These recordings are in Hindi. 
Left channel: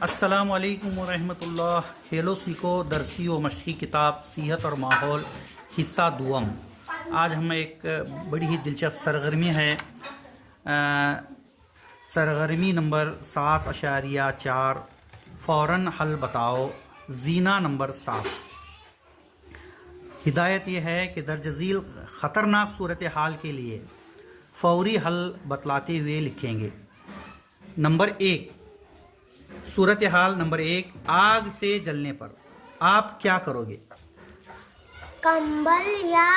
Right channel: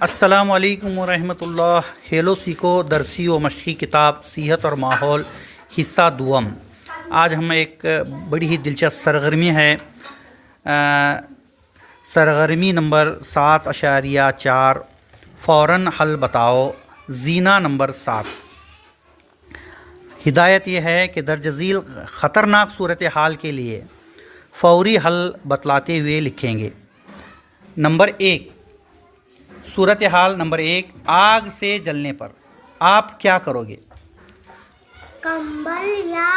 अस्सलामु अलैकुम वरहमतुल्लाह। खेलो सीखो दरसी व मशक़ी किताब सेहत और माहौल हिस्सा दुअम। आज हम एक बड़ी ही दिलचस्प सरगर्मी है, सरगर्मी नंबर 7.4 फ़ौरन हल बताओ, जीना नंबर 7। हिदायत यह है कि दर्ज झील ख़तरनाक सूरत हाल के लिए फ़ौरी हल बतलाते हुए लिखेंगे। नंबर 1, सूरत हाल नंबर 1, आग से जलने पर आप क्या करोगे? कंबल या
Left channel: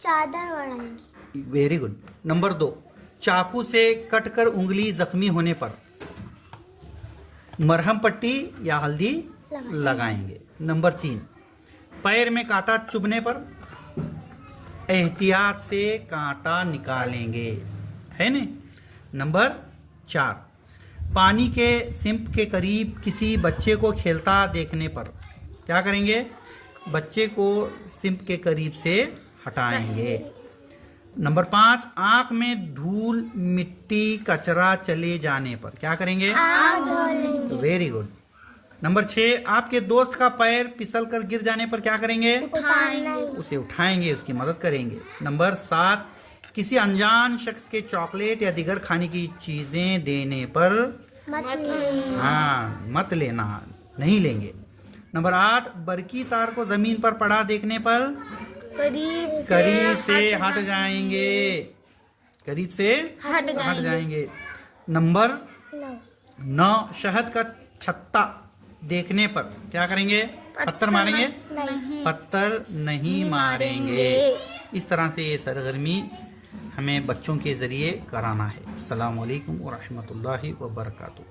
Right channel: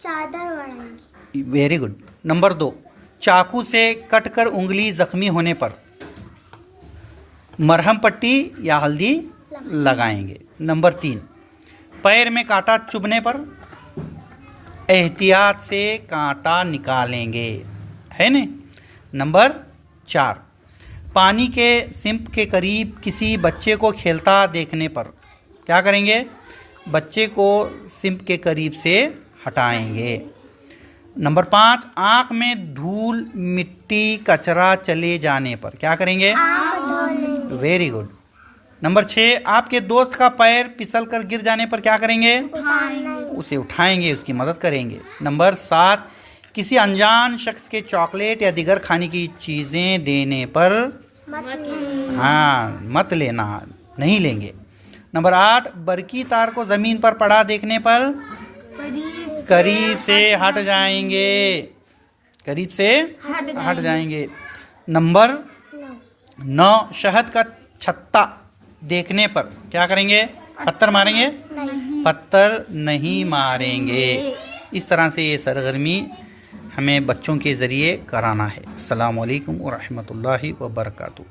चादर ओढ़ेंगे। Very good. नंबर 2, चाकू से कटकर उंगली जख्मी होने पर मरहम पट्टी या हल्दी लगाएंगे। नंबर 3, पैर में कांटा चुभने पर एहतियात से कांटा निकालेंगे, है न। नंबर 4, पानी के सिंप के करीब किसी बच्चे को खेलता देखने पर क्या करेंगे? बच्चे को सिंप के करीब से हटाएंगे। नंबर 5, आँख में धूल मिट्टी कचरा चले जाने पर क्या करेंगे? आँख धो लेंगे। Very good. नंबर 6, आपके दोस्त का पैर फिसल कर गिर जाने पर क्या करेंगे? उसे उठाएंगे, उसकी मदद करेंगे। नंबर 7, किसी अनजान शख्स के चॉकलेट या दीगर खाने की चीज़ें देने पर मत लेना, नहीं लेंगे। नंबर 8, बरकी तार को ज़मीन पर पड़ा देखने पर करीब से हट जाएंगे, करीब से हट जाएंगे। नंबर 9, शहद का छत्ता देखने पर क्या करेंगे? पत्थर मारेंगे? पत्थर नहीं मारेंगे। इस तरह से ये सरगर्मी हमें बच्चों के ज़रिए कराना है। अस्सलामु अलैकुम व रहमतुल्लाहि व बरकातुहू।